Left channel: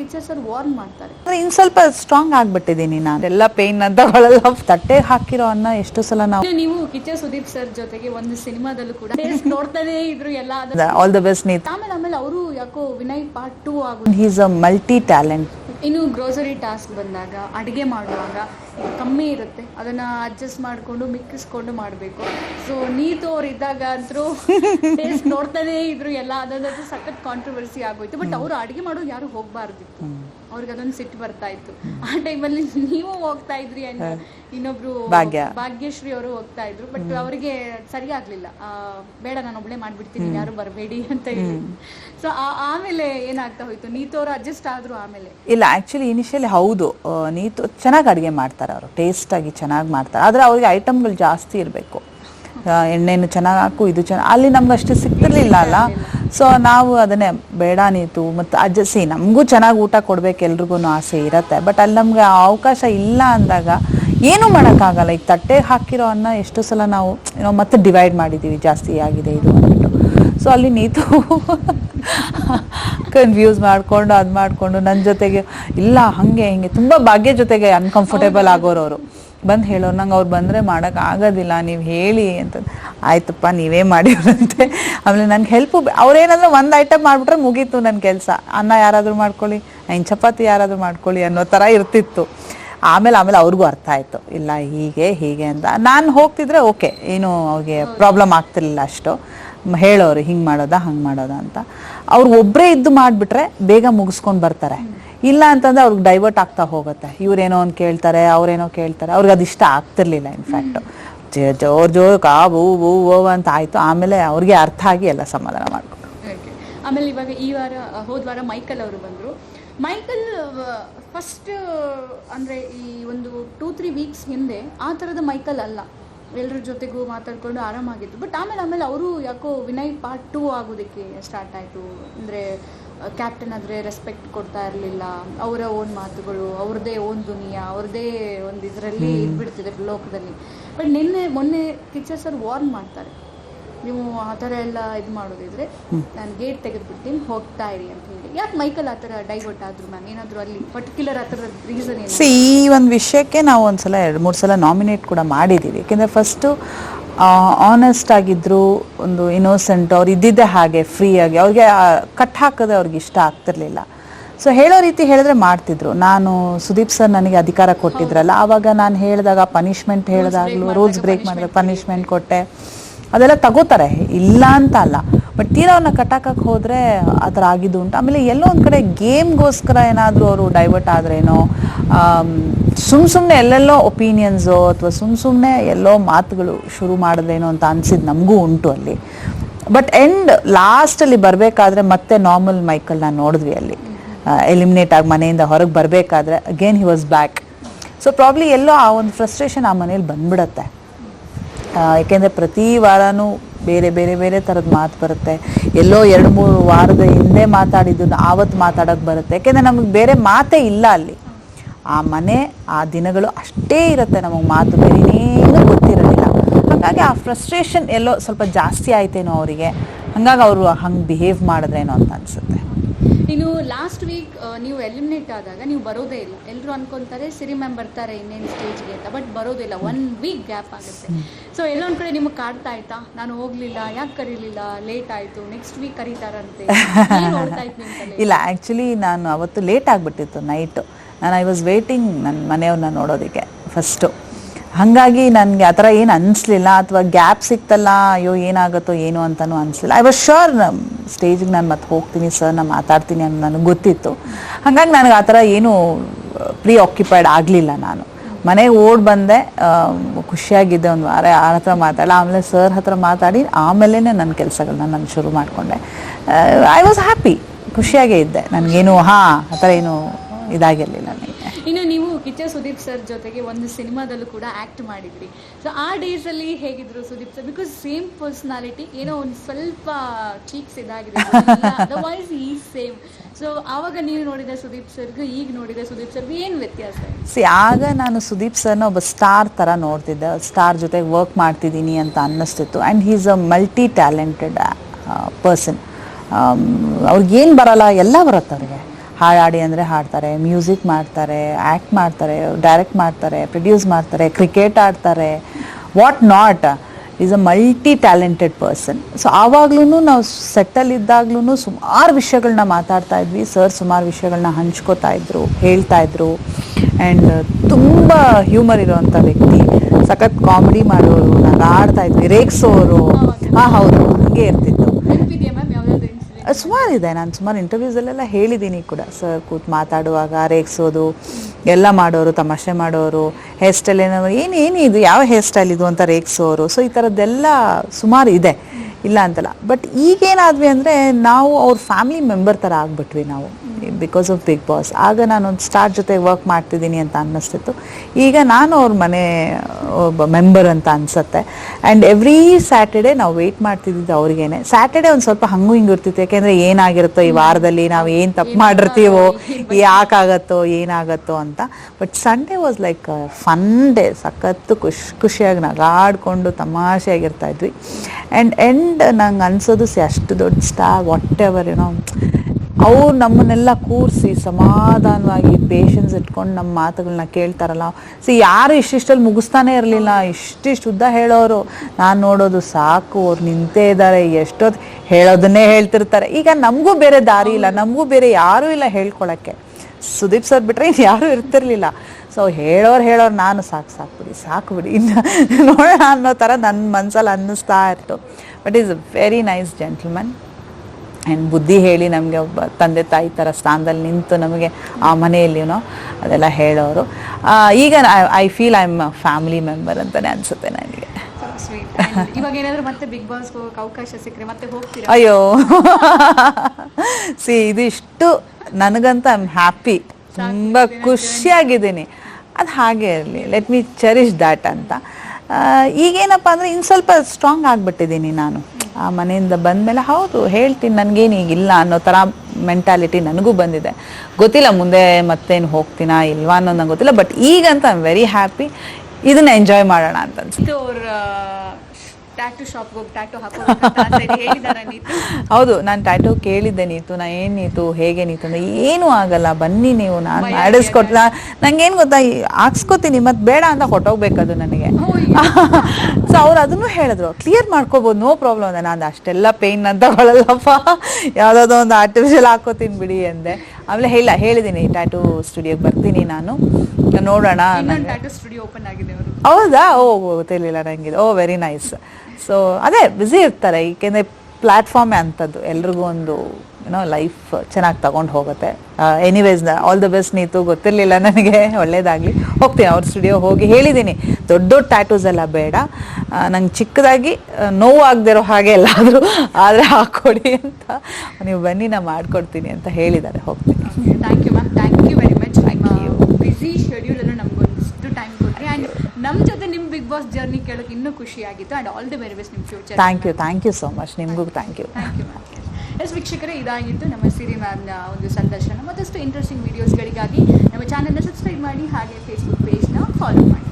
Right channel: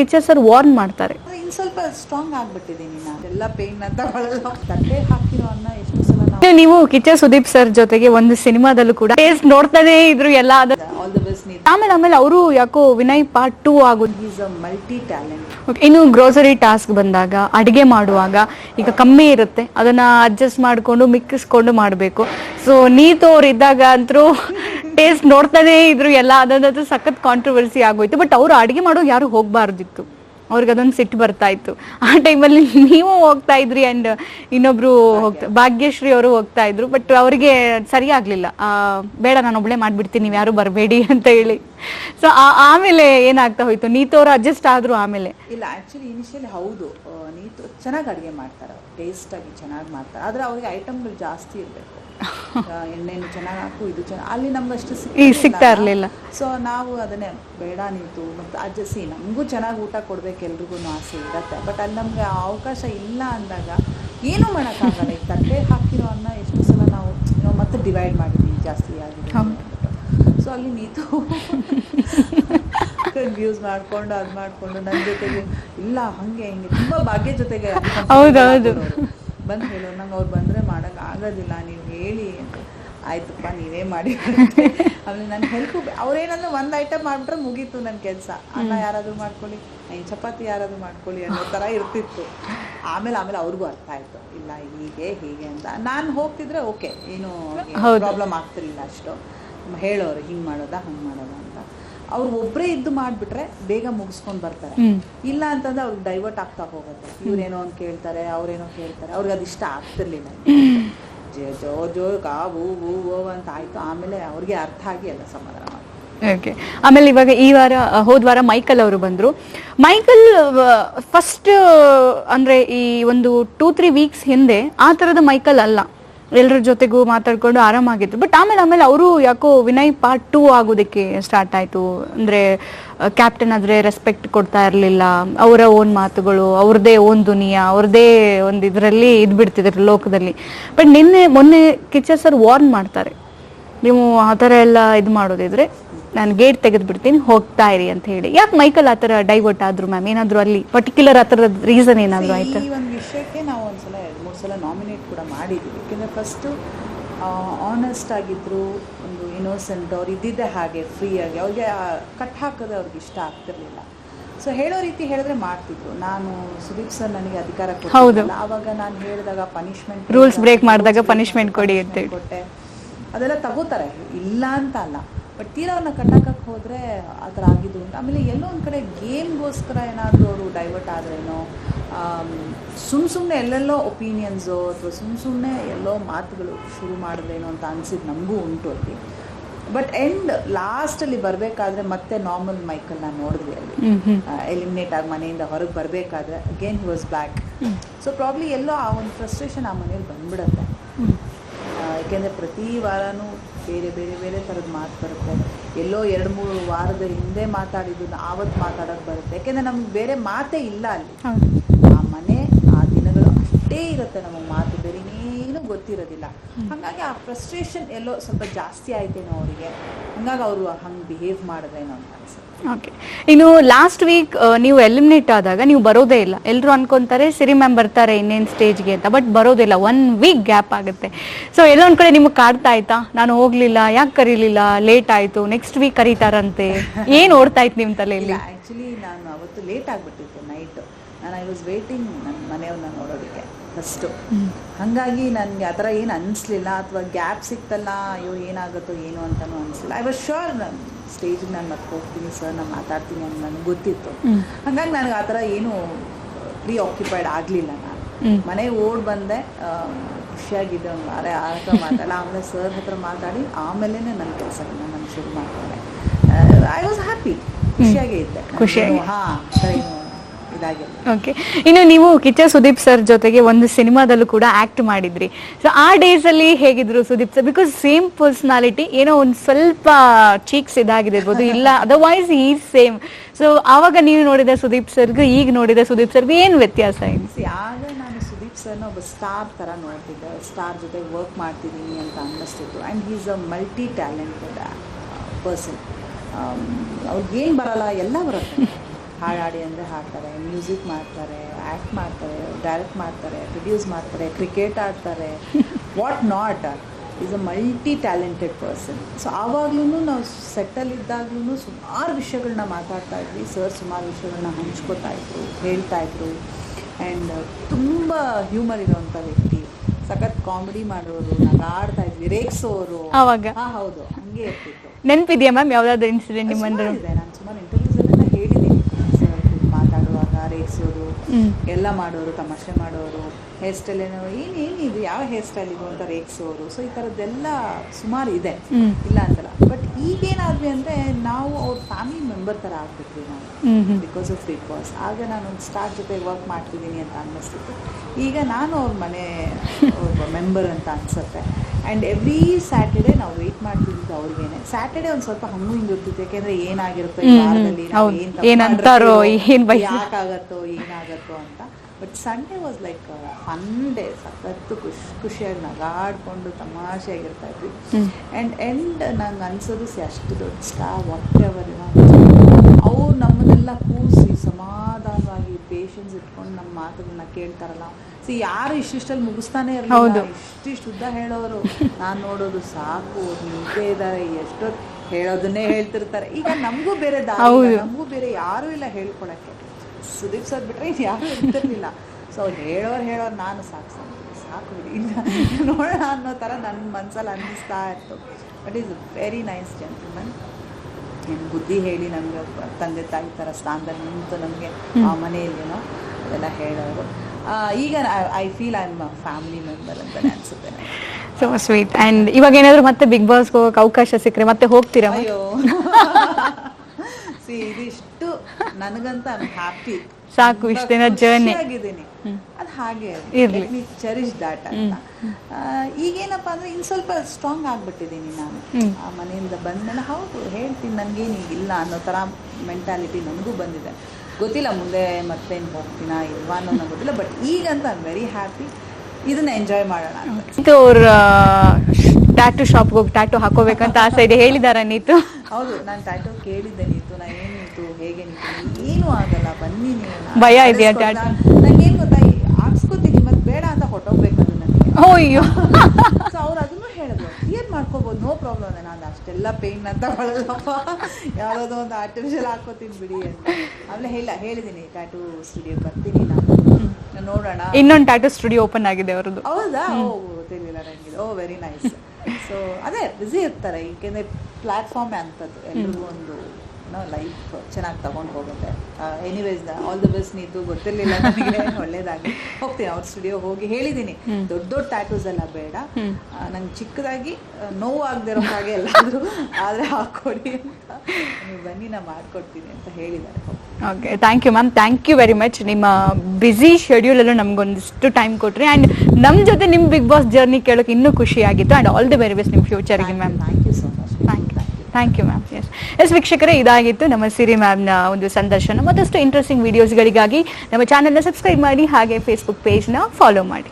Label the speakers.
Speaker 1: Kichcha sir warn ಮಾಡ್ತಾರೆ.
Speaker 2: ಇನ್ ಸ್ವಲ್ಪ strong ಆಗ್ಬಿಟ್ಟಿದೀನಿ ನಾನು. ಎಲ್ಲ ಪೇನ್ ಅಂತ ತಟ್ಟೆ ಹಾಕಿರೋ ಅನ್ನ ಎಷ್ಟು ಸಲ ನಾವು
Speaker 1: ನೀವು ಕಿಚ್ಚ ಸುದೀಪ್ ಸರ್ ಜೊತೆಗೆ ಒಂದು ಸಿನಿಮಾದಲ್ಲೂ ಕೂಡ ಟೇಸ್ಟ್ ನೋಡ್ತಾನೆ ಇದ್ರು ಎಲ್ಲ
Speaker 2: ಆಲ್ ದ ಬೆಸ್ಟ್ ನೀತ್.
Speaker 1: ಆಮೇಲೆ ಆಮೇಲೆ ಅವರು ಯಾಕೋ ವಿನಯ್ ಪಾರ್ಟ್ ಟೂ ಆಗೋದು.
Speaker 2: ಈಸ್ ಅ ಮಲ್ಟಿ ಟ್ಯಾಲೆಂಟ್
Speaker 1: ಇನ್ನು ಗ್ರೋಸರಿ ಟಾಸ್ಕ್ ಬಂದಾಗ ಅಡಿಗೆ ಮಾಡುವಾಗ ಈಗ ಕಮ್ಮಿ ಇರುತ್ತೆ. ಅದನ್ನ ಅಡ್ಜಸ್ಟ್ ಮಾಡ್ಕೊಂಡು ಮಿಕ್ಕಿಸ್ಕೊಂಡು ಮಾಡಬೇಕು. ಸೊ ನೀತು ಅವ್ರು ಇದ್ದಾಗ ಅಂತೂ ಟೇಸ್ಟ್ ನೋಡ್ತಾನೆ ಇದ್ರು ಎಲ್ಲ ಅದನ್ನದು ಸಖತ್ ಕಾಂಟ್ರವರ್ಸಿ ಆಗೋಯ್ತು. ಬಟ್ ಅವ್ರು ಅಡಿಗೆ ಮಾಡೋ ಯಾರು ಹೋಗ್ಬಾರ್ದಿತ್ತು. ಅವ್ರಿಗೆ ಅದೊಂದು ಸಿಟ್ಟು ಬರ್ತಾ ಇತ್ತು ಆ ಟೈಮಲ್ಲಿ ನೀವು ಹೋಗ್ತಾ ಇದ್ರಿ ಅಂಡ್ ಇನ್ನೊಬ್ರು ಭಾಗ್ಯಶ್ರೀ ಅವರು ಹೋಗ್ತಾ ಇದ್ರು ಬಟ್ ಅವರಿಗೆ ಸರಿ ಆಗ್ಲಿಲ್ಲ. ಆ, ಬೇಡ ನಾನು ಒಬ್ಳೆ ಮಾಡ್ಬಿಡ್ತೀನಿ ನೀವು ಯಾರು ಬರಬೇಡಿ ಅಂತ ಹೇಳಿ. ಸೊ ಆಮೇಲೆ ಏನಾಗ್ತಾ ಹೋಯ್ತು? ನೀತು ಅವರು ಅಡ್ಜಸ್ಟ್ ಆದ್ರು ಆಮೇಲೆ?
Speaker 2: ಇಲ್ಲ ಆಕ್ಚುಲಿ ಇನಿಷಿಯಲಿ ಹೌದು. ನೀತು ಚೆನ್ನಾಗಿ ಅಡುಗೆ ಮಾಡ್ತಾರೆ ಅವರು. ಟೇಸ್ಟ್ ಆಗಿ ಚೆನ್ನಾಗಿ ಮಾಡ್ತಾರೆ. ಆದ್ರೆ ಅವ್ರಿಗೆ ಐಟಮ್ಗಳು ಜಾಸ್ತಿ ಇರಬೇಕು. ಎಣ್ಣೆನು ಚೆನ್ನಾಗಿ ಹಾಕು ಇದು ಚೆನ್ನಾಗಿ ಅಲ್ಲಿ ನಮ್ಗೆ ಅಷ್ಟು
Speaker 1: ಸಿಕ್ಕಿಲ್ಲ
Speaker 2: ಸೊ ನಾವು ಅದನ್ನೇ ಬೇಡ ನೀತು ಮತ್ತು ಅಜ್ಜಸಿ ನಮಗೂ ಚೆನ್ನಾಗಿ ಊಟ ಕೊಡ್ಬೇಕು ಎಲ್ರಿಗೂ ಆಸೆ ಇರತ್ತೆ. ಬಟ್ ಅಲ್ಲಿ ನಮ್ಗೆ ಆ ಅವಕಾಶ ಇಲ್ಲ ಅಂದಾಗ ಏನು ಮಾಡೋಕ್ಕಾಗಲ್ಲ. ಈಗ ತಟ್ಟೆ ಹಾಕಿರೋ ಅನ್ನ ಎಷ್ಟು ಸಲ ನಾವು ಏನೋ ಮತ್ತೆ ಡಿವೈಡ್ ಮಾಡಿದ್ದೀವಿ ಜಾಸ್ತಿ ಆಗಿದೆ ಸೊ ಅಲ್ಲಿ ನೀತು ಕನ್ಫ್ಯೂಸ್ ಮಾಡ್ಕೊಂಡು ಅದು ಮಾಡ್ಕೊಂಡು ನನ್ನ ಜೊತೆಗೆ ಇಲ್ಲ ಹಂಗೆ ಹಿಂಗೆ ತುಂಬಾ ಭಾಗ್ಯ ಜೊತೆಗೆ ಅನ್ಕಂಫರ್ಟೇಬಲ್ ಆಗೋರು ಅವರು ಬಂದು ಹೇಳೋ, ನಂಗೆ ಅವ್ರು ಬಂದ್ರೆ ಮಾಡೋಕೆ ಆಗೋದಿಲ್ಲ, ನೀವು ಹೇಳಿ ಅಂತ. ಆಯ್ತಪ್ಪ, ನೀವೇ ಮಾಡಿರಂತೆ ಆಮೇಲೆ ನನ್ನ ಹೆಲ್ಪ್ ಅವ್ರೇನಂದ್ರೆ ಒಂದು ಐಟಮ್ ಮಾಡಿಬಿಟ್ರೆ ಮುಗೀತು ನನ್ನ ಕೆಲಸ. ಅನ್ನ ಯಾರಾದರೂ ಮಾಡ್ಕೊಳ್ಳಿ ಇನ್ನು ಚಪಾತಿ ಯಾರಾದರೂ ಮಾಡ್ಕೊಳ್ಳಿ ಅನ್ನೋ ತರ ಇರ್ತಿತ್ತು. ಆಮೇಲೆ ಆಮೇಲೆ ಅವ್ರಿಗೂ ಅರ್ಥ ಆಯ್ತು. ಇಲ್ಲ ಹೀಗೆ ಹೀಗೆ ಅಂತ. ನಾನು ಹೋಗ್ತಿದ್ರೆ ಓಕೆ. ಏನು ಅವ್ರಿಗೆ ಪ್ರಾಬ್ಲಮ್ ಆಗ್ತಿರ್ಲಿಲ್ಲ ಅಷ್ಟು. ಹೇಳೋರು ಹಿಂಗ್ ಮಾಡೋದಾ ಹಂಗ್ ಮಾಡೋದಾ ಅಂತ. ಅವ್ರು ಒಬ್ರೇ ಇದ್ದು ಮಾಡ್ಬಿಟ್ರೆ ಬೇಗ ಮುಗಿಸ್ಕೊಂಡ್ ಬರ್ತಾರೆ. ಇಲ್ಲ ಅಂತಂದ್ರೆ ಅವ್ರಿಗೆ ಡೈವರ್ಟ್ ಆಗ್ತಾ ಹೋಗುತ್ತೆ. ಇವ್ರೇನೋ ಅಂತ ಕೇಳ್ತಾರೆ ಅವ್ರೇನೋ ಕೇಳ್ತಾರೆ. ಅವ್ರಿಗೆ ಅದು ಇಷ್ಟ ಆಗ್ತಿರ್ಲಿಲ್ಲ ಇನ್ಫ್ಯಾಕ್ಟ್ ಜೋರ್ ಜೋರ್ ಕಾ ಬೂ ಬೂ ಓ ಅಂತ ಆಯ್ತು. ಆಮೇಲೆ ಅವ್ರಿಗೆ ಅರ್ಥ ಆಗಿ ಎಲ್ಲ ಸಮಾಧಾನ ಮಾಡ್ಕೊಂಡು
Speaker 1: ಓಕೆ ಆಮೇಲೆ ಇವಾಗ ಈ ವಾರ ಹೋದ್ವಾರ ಹೋದ್ ವಾರ ಮೈಕಲ್ ಅವರು ಬಂದ್ರು. ಮೈಕಲ್ ಫಸ್ಟ್ ಅಂದ್ರೆ ಈ ಒಂದು ಟೂ ತ್ರೀ ವೀಕ್ಸ್ ಹಿಂದೆ ಆ ತರದ ಮೈಕಲ್ ಅಲ್ಲ. ಎಲ್ಲರ ಜೊತೆಗೂ ಮಾತಾಡ್ಕೊಂಡು ಆರಾಮಾಗಿತ್ತು ಬಟ್ ಆಮೇಲೆ ಆಮೇಲೆ ಅವರು ಯಾಕೋ ವಿನಯ್ ಪಾರ್ಟ್ ಟೂ ಆಗೋದಕ್ಕೆ ಸ್ಟಾರ್ಟ್ ಆಯ್ತು. ಅಂದ್ರೆ ಕ್ಯಾಪ್ಟನ್ ಆದ್ರೆ ರೆಸ್ಪೆಕ್ಟ್ ಕೊಡ್ತಾ ಇರಲಿಲ್ಲ. ಅವರ ಓನ್ ಮಾತುಗಳು ಅವ್ರದ್ದೇ ಓನ್ ದುನಿಯಾ ಅವ್ರದ್ದೇ ಒಂದು ಇದರಲ್ಲಿ ಇದ್ಬಿಡ್ತಿದ್ರು ಲೋಕದಲ್ಲಿ. ಬಟ್ ನಿನ್ನೆ ಮೊನ್ನೆ ಕಿಚ್ಚ ಸರ್ ವಾರ್ನ್ ಮಾಡ್ತಾರೆ. ನೀವು ಆ ಥರ ಎಲ್ಲ ಇದು ಮಾಡೋದಿದ್ರೆ ನಾನು ಗೇಟ್ ತೆಗೆದು ಬಿಡ್ತೀನಿ ಹೋಗ್ತಾ ಇರಿ ಅಂತ ಹೇಳಿ. ಯಾಕೆ ಮೈಕಲ್ ಆ ತರ ಡೈವರ್ಟ್ ಆದ್ರು ಮ್ಯಾಮ್ ಏನಾದ್ರು ಅಲ್ಲಿ ಪರ್ಟಿಕ್ಯುಲರ್ ಆ ಥರದ ರೀಸನ್ ಏನಾದ್ರು
Speaker 2: ಈ ಒಂದು ವಿಷಯಕ್ಕೆ ನಾವು ಒಂದ್ಸಲ ಎರಡು ಮೂರು ಸಲ ನಾಮಿನೇಟ್ ಕೂಡ ಮಾಡಿದೀವಿ. ಯಾಕೆಂದ್ರೆ ಫಸ್ಟು ಆನೆಸ್ಟ್ ಆಗಿದ್ರು ಒಂದು ಇನ್ನೋಸೆಂಟ್ ಅವ್ರು ಇದ್ದಿದ್ದೆ ಹಾಗೆ ಫ್ರೀ ಆಗಿ ಅವ್ರಿಗೆ ಕಟ್ ಹಾಕೋದೇ ಅವ್ರಿಗೆ ಇಷ್ಟ ಆಗ್ತಿರ್ಲಿಲ್ಲ. ಸೊ ಹೇಳೋ ರೀತಿ ಹೇಳಿದ್ರೆ ಮಾಡ್ತಿದ್ರು. ನಾನು ಸುದೀಪ್ ಸರ್ ನನಗೆ ಅಧಿಕಾರ ಕೊಟ್ಟಿದ್ರಲ್ಲ ಆವಾಗ ನಾನು ಹೇಳಿದಾಗ ಪನಿಷ್ಮೆಂಟ್
Speaker 1: ಪನಿಶ್ಮೆಂಟ್
Speaker 2: ಪನಿಷ್ಮೆಂಟ್ ಕೊಟ್ಟೆ. ಅದೆಲ್ಲ ತಗೋತಾರೆ. ಇಲ್ಲ ಅಂತ ಅಲ್ಲ. ಬಟ್ ತೀರಾ ಅವ್ರನ್ನ ಕಟ್ಟಾಕಕ್ಕೆ ಹೋದ್ರೆ ಆ ಥರ ಆಗಿದ್ದು ಉಂಟು. ಆಮೇಲೆ ಎಲ್ಲೋ ಒಂದು ಕಡೆ ಗೇಮ್ಗೋಸ್ಕರ ಏನಾದರೂ ಅವರು ಡೈವರ್ಟ್ ಆದ್ರೇನೋ ಸುಮ್ಮ ಸುಮ್ ಸುಮ್ಮನೆ ಎಲ್ಲೆಲ್ಲೋ ಒಪಿನಿಯನ್ಸು ಅಥವಾ ಸುಮ್ ಸುಮ್ಮನೆ ಎಲ್ಲೋ ಮಾತುಗಳು ಶುರು ಮಾಡಿದ್ರೇನೋ ಅಂತ ಅನ್ಸಿದ್ ನಮಗೂ ಉಂಟು ಅಲ್ಲಿ. ಬಟ್ ಎಂಡ್ ಲಾಸ್ಟ್ ಅಲ್ಲಿ ಬರ್ಬೇಕಾದ್ರೆ ಮತ್ತೆ ನಾರ್ಮಲ್ ಮೈಕಲ್ನ ನೋಡಿದ್ವಿ ಅಲ್ಲಿ. ಎಲಿಮಿನೇಟ್ ಆಗಿ ಮನೆಯಿಂದ ಹೊರಗೆ ಬರಬೇಕಾದ್ರೆ again he was back so probably ಎಲ್ಲೋ ಆ ಒಂದು ಫ್ರಸ್ಟ್ರೇಷನ್ ಆ ಮನೇಲಿ ಬಂದ್ಬಿಡತ್ತೆ. ಯಾಕೆಂದ್ರೆ ಪ್ರತಿ ವಾರನೂ ಬೇರೆ ಬೇರೆ ಬೇರೆ ಥರದ ಮಾತು ಬರುತ್ತೆ. ಎಲ್ಲೋ ಎರಡು ಮೂರು ವಾರದ ಹಿಂದೆ ಮಾತಾಡಿದ್ದು ಆವತ್ತು ಮಾತಾಡೋಕೆ ಬರುತ್ತೆ. ಯಾಕೆಂದರೆ ನಮಗೆ ಬೇರೆ ಮಾತೇ ಇಲ್ಲ ಅಲ್ಲಿ. ಆ ಮನೆ ಆ ದಿನಗಳು ಅಷ್ಟೇ ಇರುತ್ತೆ ನಮಗೆ ಮಾತು. ಬೇರೆ ಇನ್ನೇನು ಗೊತ್ತಿರೋದಿಲ್ಲ ಹಾಗಾಗಿ ಆ ಫ್ರಸ್ಟ್ರೇಷನ್ ಎಲ್ಲೋ ಸ್ವಲ್ಪ ಜಾಸ್ತಿ ಆಯ್ತೇನೋ ಅವರಿಗೆ. ಹಂಗಾಗಿ ಅವರು ಹಂಗೆ ಬಿಹೇವ್ ಮಾಡಿದ್ರೇನೋ ಅಂತ ಅನ್ಸುತ್ತೆ.
Speaker 1: ಓಕೆ ಇನ್ನು ಲಾಸ್ಟ್ ವೀಕ್ ನೀವು ಎಲಿಮಿನೇಟ್ ಆದಾಗ ನೀವು ಬರೋದೇ ಇಲ್ಲ. ಎಲ್ಲರೂ ಅನ್ಕೊಂತಾರೆ ಸಿರಿ ಮ್ಯಾಮ್ ಬರ್ತಾರೆ ಇನ್ನೇನು ಸ್ಟೇಜ್ಗೆ ಅಂತ ಬಟ್ ಬರೋದಿಲ್ಲ ಒನ್ ವೀಕ್ ಗ್ಯಾಪ್ ಆಗುತ್ತೆ. ಸೊ ಎಲ್ಲೋ ಒಂದ್ ಕಡೆ ನಿಮ್ಗೆ ಕಾಡ್ತಾ ಆಯ್ತಾ? ನಾನು ಹೋಗ್ಲಿಲ್ಲ ಯಾಕೆ ಕರೀಲಿಲ್ಲ? ಲೇಟ್ ಆಯ್ತು. Next week ಕರೀತಾರಂತೆ. ಏನ್ ಓಡ್ತಾ ಇತ್ತು ನಿಮ್ ತಲೆ
Speaker 2: ಇಲ್ಲ ಆಕ್ಚುಲಿ ನಾನು ಅವತ್ತು ಲೇಟ್ ಆಗ್ಬಿಟ್ಟಿತ್ತು ನೈಟ್ ನಾನು ಐ ವಾಸ್ ವೇಟಿಂಗ್ ನನ್ನ ಮನೆಯವ್ರನ್ನ ನೋಡೋದಕ್ಕೆ. ಫಸ್ಟು ಹಾಗಾಗಿ ನನಗೆ ಆ ಥರ ಏನು ಅನಿಸ್ಲಿಲ್ಲ ಅಥವಾ ಗ್ಯಾಪ್ ಸಿಕ್ತಲ್ಲ ಅಯ್ಯೋ ಏನಾಗುತ್ತೋ ಏನೋ ಅಂತಲೂ ಅನಿಸ್ಲಿಲ್ಲ. ಐ ವಾಸ್ ಶೋರ್ ಸ್ಟೇಜಿಗೆ ನಾನು ಮತ್ತೆ ಹೋಗ್ತೀನಿ ಸರ್ ನಾನು ಮಾತಾಡ್ತೀನಿ ಅಂತ ನನಗೆ ಗೊತ್ತಿತ್ತು. ಹಾಗಾಗಿ ನನಗೆ ಆ ಥರ ಏನು ಪ್ರೀ ಆಕ್ಯುಪೈಡ್ ಆಗಲಿಲ್ಲ ನಾನು. ಮನೆಗೆ ಓಡ್ ಬಂದೆ ಖುಷಿಯಾಗಿದ್ದೆ ಒಂದು ವಾರ ಯಾರ ಹತ್ರ ಮಾತಾಡಲ್ಲ ಆಮೇಲೆ ಸರ್ ಹತ್ರ ಮಾತಾಡಿ ಆಮೇಲೆ ನನ್ನ ಕೆಲಸಗಳನ್ನ ನಾನು ಶುರು ಮಾಡಿಕೊಂಡೆ. ಐ ವಾಸ್ ಹ್ಯಾಪಿ ಖುಷಿಯಾಗೇ ಇದ್ದೆ. ನನಗೇನು ಹಾ ಆ ಥರ ಏನು ಇದಾಗಿರಲಿಲ್ಲ.
Speaker 1: ಓಕೆ ಇನ್ನು ನೀವು ಕಿಚ್ಚ ಸುದೀಪ್ ಸರ್ ಜೊತೆಗೆ ಒಂದು ಸಿನಿಮಾದಲ್ಲೂ ಕೂಡ ಆಕ್ಟ್ ಮಾಡಿದ್ರಿ. ಸೊ ಆ ಡೇಸ್ ಅಲ್ಲಿ ಹೇಗಿದ್ರು Sudeep sir? Because same personality ಏನೋ ಒಂದು ಸ್ವಲ್ಪ ಚೀಕ್ಸ್ ಇದಾಗಿರ್ಬೋದು ಇಲ್ಲ ಅದರ್ವೈಸ್ ಈ ಸೇಮ್ ಸೊ ಆವಾಗ ನೀವು ನೋಡಿದ ಸುದೀಪ್ ಸರ್ಗೂ ಈಗ ನೋಡಿದ ಸುದೀಪ್ ಸರ್ಗೂ ಏನ್ ವ್ಯತ್ಯಾಸ ಇದೆ?
Speaker 2: ಸಿ ಆಗ ನಾನು ಸುದೀಪ್ ಸರ್ನ ಒಬ್ಬ ಸ್ಟಾರ್ ಥರ ನೋಡ್ತಿದ್ದೆ. ಸ್ಟಾರ್ ಜೊತೆ ವರ್ಕ್ ಮಾಡ್ತಿದ್ದೀನಿ ಅಂತ ಅನ್ನಿಸ್ತಿತ್ತು. And he's a multi talented person ಅವ್ರಿಗೇನು ಬರಲ್ಲ ಎಲ್ಲ ಬರುತ್ತೆ ಹಾಡಾಡಿ ಅಂದರೆ ಹಾಡ್ತಾರೆ ಮ್ಯೂಸಿಕ್ ಮಾಡ್ತಾರೆ ಆ್ಯಕ್ಟ್ ಮಾಡ್ತಾರೆ ಡೈರೆಕ್ಟ್ ಮಾಡ್ತಾರೆ ಪ್ರೊಡ್ಯೂಸ್ ಮಾಡ್ತಾರೆ ಕ್ರಿಕೆಟ್ ಆಡ್ತಾರೆ. What not is a multi talented person so ಆವಾಗ್ಲೂ ನಾವು ಸೆಟ್ಟಲ್ ಇದ್ದಾಗ್ಲೂ ಸುಮಾರು ವಿಷಯಗಳನ್ನ ಮಾತಾಡ್ತಾ ಇದ್ವಿ. ಸರ್ ಸುಮಾರು ವಿಷಯಗಳನ್ನ ಹಂಚ್ಕೋತಾ ಇದ್ರು ಹೇಳ್ತಾ ಇದ್ರು. ಆ್ಯಂಡ್ ತುಂಬ ಹ್ಯೂಮರ್ ಇರೋವಂಥ ವ್ಯಕ್ತಿ. ಸಖತ್ ಕಾಮಿಡಿ ಮಾಡೋರು ನಗಾಡ್ತಾ ಇದ್ವಿ. ರೇಗ್ಸೋರು.
Speaker 1: ಆವಾಗ?
Speaker 2: ಹಾ ಹೌದು. ಹಂಗೆ ಇರ್ತಿತ್ತು.
Speaker 1: ನೆನಪಿದೆಯಾ ಮ್ಯಾಮ್ ಯಾವ್ದಾದ್ರು ಇನ್ಸಿಡೆಂಟ್
Speaker 2: ಸುಮಾರು ಇದೆ ನಾನು ಸುಮಾರು ಇಂಟರ್ವ್ಯೂಸಲ್ಲೆಲ್ಲ ಹೇಳಿದ್ದೀನಿ ಕೂಡ. ಸರ್ ಕೂತ್ ಮಾತಾಡುವಾಗ ರೇಗ್ಸೋದು ಎಲ್ಲ ಮಾಡೋರು ತಮಾಷೆ ಮಾಡೋರು ಹೇರ್ ಸ್ಟೈಲ್ ಏನೋ ಏನು ಏನು ಇದು? ಯಾವ ಹೇರ್ ಸ್ಟೈಲ್ ಇದು ಅಂತ ರೇಗಿಸೋರು ಸೊ ಈ ಥರದ್ದೆಲ್ಲ ಸುಮಾರು ಇದೆ. ಇಲ್ಲ ಅಂತಲ್ಲ. ಬಟ್ ಈಗೇನಾದ್ವಿ ಅಂದರೆ ನಾವು ಅವ್ರ ಫ್ಯಾಮಿಲಿ ಮೆಂಬರ್ ಥರ ಆಗ್ಬಿಟ್ವಿ ನಾವು. ಬಿಕಾಸ್ ಆಫ್ ಬಿಗ್ ಬಾಸ್ ಆಗ ನಾನು ಒಂದು ಸ್ಟಾರ್ ಜೊತೆ ವರ್ಕ್ ಮಾಡ್ತಿದ್ದೀನಿ ಅಂತ ಅನ್ನಿಸ್ತಿತ್ತು. ಈಗ ನಾನು ಅವ್ರ ಮನೆ ಒಬ್ಬ ಮೆಂಬರ್ ಅಂತ ಅನಿಸುತ್ತೆ. ಆ್ಯಂಡ್ ಎವ್ರಿ ಸ್ಯಾಟರ್ಡೆ ನಾವು ವೆಯ್ಟ್ ಮಾಡ್ತಿದ್ದಿದ್ದು ಅವ್ರಿಗೇನೆ. ಸ್ಯಾಟರ್ಡೆ ಒಂದು ಸ್ವಲ್ಪ ಹಂಗು ಹಿಂಗೆ ಇರ್ತಿತ್ತು. ಯಾಕೆಂದ್ರೆ ಏನಾಗಿರುತ್ತೋ ಈ ವಾರದಲ್ಲಿ ನಾವು ಏನು ತಪ್ಪು ಮಾಡಿರ್ತೀವೋ ಯಾಕಾಗತ್ತೋ ಏನಾಗತ್ತೋ ಅಂತ. But Sunday was like fun day ಸಖತ್ತು ಖುಷಿ ಖುಷಿಯಾಗಿ ನಗಾಡ್ಕೊಂಡು ತಮಾಷೆಯಾಗಿರ್ತಾ ಇದ್ವಿ. ಆ್ಯಂಡ್ ಎಂಡ್ ನಂಗೆ ಅನ್ಸೋದು ಸಿ ಅಷ್ಟು ದೊಡ್ಡ ಸ್ಟಾರ್ ವಾಟ್ ಎವರ್ ಏನೋ ಅವ್ರು ನಮ್ಮನ್ನೆಲ್ಲ ಕೂರಿಸಿ ಸಮಾಧಾನವಾಗಿ ಪೇಷನ್ಸ್ ಇಟ್ಕೊಂಡು ನಮ್ಮ ಮಾತುಗಳನ್ನ ಕೇಳ್ತಾರಲ್ಲ. ಸಿ ಯಾರು ಇಷ್ಟಿಷ್ಟಲ್ಲಿ ಮುಗಿಸ್ತಾನೆ ಇರಲಿಲ್ಲ. ಇಷ್ಟಿಷ್ಟು ಉದ್ದ ಹೇಳೋರು. ನಾನು ನೋಡೋದು ಸಾಕು ಅವ್ರು ನಿಂತೇ ಇದ್ದಾರೆ ಎಷ್ಟೊತ್ತು ಹೇಳೋದನ್ನೇ ಹೇಳ್ತಿರ್ತಾರೆ. ಈಗ ನಮಗೂ ಬೇರೆ ದಾರಿ ಇಲ್ಲ. ನಮಗೂ ಬೇರೆ ಯಾರೂ ಇಲ್ಲ ಹೇಳ್ಕೊಳಕ್ಕೆ. ಸುದೀಪ್ ಸರ್ ಬಿಟ್ರೆ ಯಾರೂ ಇರ್ತಿರ್ಲಿಲ್ಲ. ಸೊ ಹೇಳೋರು ಹೇಳೋರು ನಾನು ಸಾಕು ಸಾಕು ಬಿಡಿ ಸಾಕು ಬಿಡಿ. ಇನ್ನು ನೋಡೋಣ ಅನ್ನೋ ಥರ ನನ್ನ ಮನಸ್ಸಲ್ಲಿ ಅನ್ನಿಸ್ತಾ ಇತ್ತು but is a very nice gentleman and ಬುದ್ಧಿ ಹೇಳಿ ನಮಗೆ ಒಬ್ಬ ತಂದೆ ತಾಯಿ ಥರ ಸ್ಥಾನದಲ್ಲಿ ನಿಂತು ನಮಗೆ ಆ ಮನೆಯಲ್ಲಿನೋ ಅದೆಲ್ಲ ಹೇಳೋರು. ಈಗ I feel I am family member ಅಂತಲೇ ಅನಿಸುತ್ತೆ ನನಗೆ
Speaker 1: ಸೊ ಸ್ವೀಟ್ ಆ್ಯಂಡ್ ಇವಾಗ ಏನಾದರೂ ಮತ್ತೆ ಬಿಗ್ ಬಾಸ್ಗೆ ಹೋಗೋಕೆ ಅವಕಾಶ ಸಿಕ್ಕರೆ ಮತ್ತೆ ಹೋಗ್ತೀರಾ?
Speaker 2: ಅಯ್ಯೋ. ಸಿ ಇದಿಷ್ಟು ನನಗಂತ ಐ ಆಮ್ ಹ್ಯಾಪಿ
Speaker 1: ಸಾಕು.
Speaker 2: ಖುಷಿಯಾಗಿದ್ದೀನಿ. ಅದು ಹಾಗೆ ಲೆಟ್ ಮಿ ಚೆರಿಶ್ ದಾಟ್ ಅಂತ. ಈಗೇನಪ್ಪ ಅಂದ್ರೆ ಇನ್ ಸ್ವಲ್ಪ ಸ್ಟ್ರಾಂಗ್ ಆಗ್ಬಿಟ್ಟಿದ್ದೀನಿ ನಾನು. ಆ ಮನೆಯಿಂದ ಬಂದ್ಮೇಲೆ ಹೌದು ಹೇಳ್ತೀನಿ ನನಗೇನು ಈಗಿಲ್ಲ ಅನ್ನೋ ತರ ಮೆಂಟಾಲಿಟಿ ನನಗೂ ಬಂದಿದೆ. ಗೊತ್ತಿಲ್ಲ ಮುಂದೆ ಮತ್ತೇನು ಹೋಗ್ತೀನಾ ಇಲ್ವಾ ಅನ್ನೋದು ನಂಗೆ ಗೊತ್ತಿಲ್ಲ ಬಟ್ ಈಗಂತ ಐ ವೆರಿ ಹ್ಯಾಪಿ ಇದನ್ನ ಎಂಜಾಯ್ ಮಾಡೋಣ ಅಂತ.
Speaker 1: ಇದು ಅವ್ರ ಟ್ಯಾಟು ಶಾಪ್ಗೆ ಹೋಗಿ ಟ್ಯಾಟು ಹಾಕೋಬೇಕಂತ ಆಸೆ ಇದೆ ಹೇಳಿದಾರ ನೀತು?
Speaker 2: ಹೌದು ನಾನು ಟ್ಯಾಟೂ ಕೇಳಿದ್ದೆ ನೀತು. ನಾ ಏನ್ ನೀತು ಹೇಗೆ ನೀತು ಏನು ಆಗಲ್ಲ. ಬನ್ನಿ ನೀವು
Speaker 1: ಭಯ
Speaker 2: ನಂಗೇನ್ ಗೊತ್ತಾ ಹಾಕ್ಸ್ಕೊತೀನಿ ಮತ್ ಬೇಡ ಅಂತ ಹೊಟ್ಟೋಗ್ಬೇಕದು ನನಗೆ. ಸೊ ಅವ್ರು ಅದನ್ನು ಹೇಳಿದ್ರು. ಕ್ಲಿಯರ್ ಮಾಡ್ಕೋಬಹುದು ನೋ ಪ್ರಾಬ್ಲಮ್ ಅಂದ್ರೆ ನಾನು ಅಷ್ಟೆಲ್ಲ ಪೇನ್ ಅಂತ ತಗೊಳಲ್ಲಪ್ಪ. ಯಾವ್ದಾದ್ರು ಒಂದು ಆರ್ಟಿಫಿಷಿಯಲ್ ಹಾಕೋತೀನಿ ಬಿಡಿ ಅಂದೆ. ಆಮೇಲೆ ಹೇಳ ಹೇಳಿದೀನಿ ಟ್ಯಾಟೂ ಸ್ಟುಡಿಯೋಗೆ ಬರ್ತೀನಿ ನಾನು. ನೋಡೋಣ.
Speaker 1: ಇನ್ನೊಂದು ಟ್ಯಾಟು ಸ್ಟುಡಿಯೋ ಓಪನ್ ಆಗಿದೆ ಅವ್ರದ್ದು.
Speaker 2: ಹೌದಾ? ಓ ಗೊತ್ತಿರ್ಲಿಲ್ಲ ನಂಗೆ. ಓ ವೆರಿ ನೈಸ್ ಸೊ ಅದೇ ಬ್ಯುಸಿ ಇರ್ತಾರೆ ಏಕೆಂದ್ರೆ ಪ್ಲಾಟ್ಫಾರ್ಮೇ ಅಂಥದ್ದು. ಎಲ್ರಿಗೂ ಒಂದು ಏನೋ ಲೈಫ್ ಚೆನ್ನಾಗಿ ತಗೊಂಡು ಹೋಗುತ್ತೆ. Anyways all the best Neethu ಗೊತ್ತಿರಲಿಲ್ಲ ನನಗೆ ಒಳ್ಳೇದಾಗಿ ಹೋಗ್ತೀನಿ ಅವ್ರ ಸ್ಟುಡಿಯೋ ಹೋಗಿ ಹೇಳಿದ್ದೀನಿ ದೊಡ್ಡ ದೊಡ್ಡ ಟ್ಯಾಟೂಸ್ ಎಲ್ಲ ಬೇಡ. ನಂಗೆ ಚಿಕ್ಕದಾಗಿ ನೋವು ಆಗದಿರೋ ಹಾಗೆ ಎಲ್ಲಾದರೂ ಆದರೆ ಹಾಕ್ಕೊಡಿ ಅಂತ ನೀವು ಬನ್ನಿ ನಾ ಮಾಡ್ಕೊಡ್ತೀನಿ ಅಂತ ಹೇಳಿದ್ದಾರೆ. ಹೋಗ್ತೀನಿ.
Speaker 1: Okay thank you ma'am thank you very much ನಿಮ್ಮ ಬ್ಯುಸಿ ಶೆಡ್ಯೂಲಲ್ಲೂ ನಮಗೊಂದಿಷ್ಟು ಟೈಮ್ ಕೊಟ್ರಿ. ಆ್ಯಂಡ್ ನಮ್ಮ ಜೊತೆ ನಿಮ್ಮ ಬಿಗ್ ಬಾಸ್ ಜರ್ನಿ ಕೇಳೋಕೆ ಇನ್ನೂ ಖುಷಿ ಆಗಿತ್ತು and all the very best ನಿಮ್ಮ future
Speaker 2: thank you thank you so much ನಿಮಗೂ thank you
Speaker 1: thank you ma'am yes yes ವೀಕ್ಷಕರೇ ಇದಾಗಿತ್ತು. ನಮ್ಮ ಸಿರಿ ಮ್ಯಾಮ್ನ ಒಂದು ಸಂದರ್ಶನ. ಮತ್ತಷ್ಟು ಇಂಟ್ರೆಸ್ಟಿಂಗ್ ವಿಡಿಯೋಸ್ಗಳಿಗಾಗಿ ನಮ್ಮ ಚಾನಲ್ನ ಸಬ್ಸ್ಕ್ರೈಬ್ ಮಾಡಿ ಹಾಗೆ ಫೇಸ್ಬುಕ್ ಪೇಜ್ನ ಫಾಲೋ ಮಾಡಿ.